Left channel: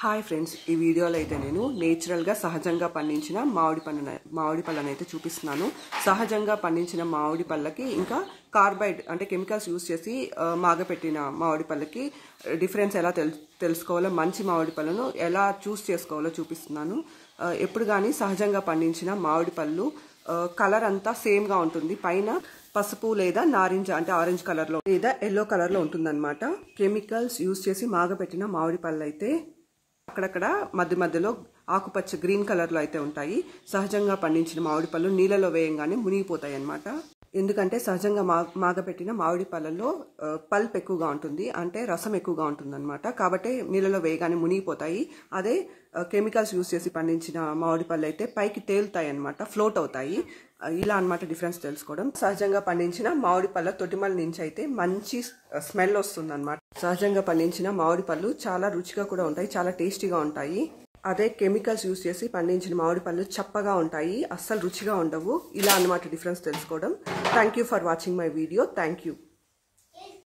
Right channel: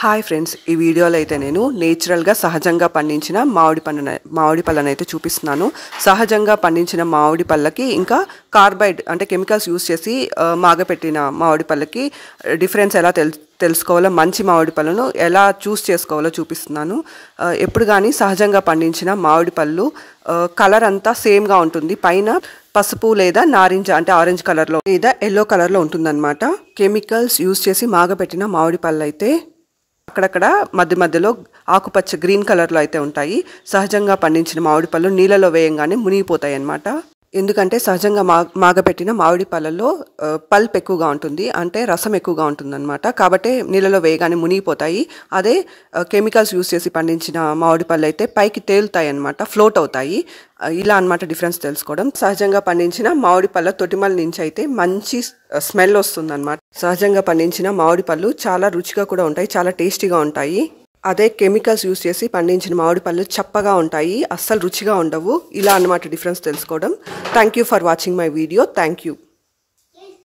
Hi friends, ఈ వీడియోలో అయితే నేను నేచురల్గా సహజంగా పండించిన మామిడి పళ్ళను అయితే చూపిస్తున్నాను. సహజంగా పండించిన మామిడి పళ్ళకి ఇంకా కార్బైడ్ అంటే కెమికల్స్ యూస్ చేసి మాగపెట్టిన మామిడి పళ్ళకి డిఫరెన్స్ ఎలా తెలుసుకోవాలో, మంచి మామిడి పళ్ళను ఎలా చూస్ చేసుకోవాలో చూపిస్తున్నాను. ఎప్పుడు కానీ సహజంగా పండించిన మామిడి పళ్ళు కలర్ అంతా సేమ్గా ఉంటుంది. పైన పసుపు లేదా నారింజ అంటే ఆరెంజ్ కలర్లో లేదా ఎల్లో కలర్లో ఉంటుందన్నమాట. కెమికల్స్ యూస్ చేసి మాగపెట్టిన మామిడి పళ్ళు అయితే అక్కడక్కడ మధ్యలో ఆకుపచ్చ గ్రీన్ కలర్లో అయితే ఉంటాయి. సహజంగా పండించిన మామిడి పళ్ళు నీళ్ళలో వేయంగానే మునిగిపోతాయి అన్నమాట. ఎందుకంటే సహజంగా మాగపెట్టిన మామిడి పళ్ళల్లో పల్ప్ ఎక్కువగా ఉంటుంది, అంటే రసం ఎక్కువగా ఉంటుందన్నమాట. కాబట్టి నీళ్ళలో వేయగానే మునిగిపోతాయి. అదే కెమికల్స్ యూస్ చేసి పండించిన మామిడి పళ్ళు అయితే పైకి తేలుతాయి అన్నమాట, ఫ్లోట్ అవుతాయి. ఇలా అన్నమాట డిఫరెన్స్ తెలుసుకోవడం. సహజంగా పండించిన మామిడి పళ్ళ తొటిమల నుంచి అయితే మంచి స్మెల్ వస్తుందన్నమాట. సహజంగా పండించిన మామిడి పళ్ళు చాలా రుచిగా కూడా ఉంటాయి, చాలా టేస్టీగా ఉంటాయి. అదే కెమికల్స్ యూస్ చేసి పండించిన మామిడి పళ్ళు చప్పగా ఉంటాయి, అస్సలు రుచిగా ఉండవు. ఇలా అన్నమాట డిఫరెన్స్ తెలుసుకోవడం. Thank you for watching my video. Thank you.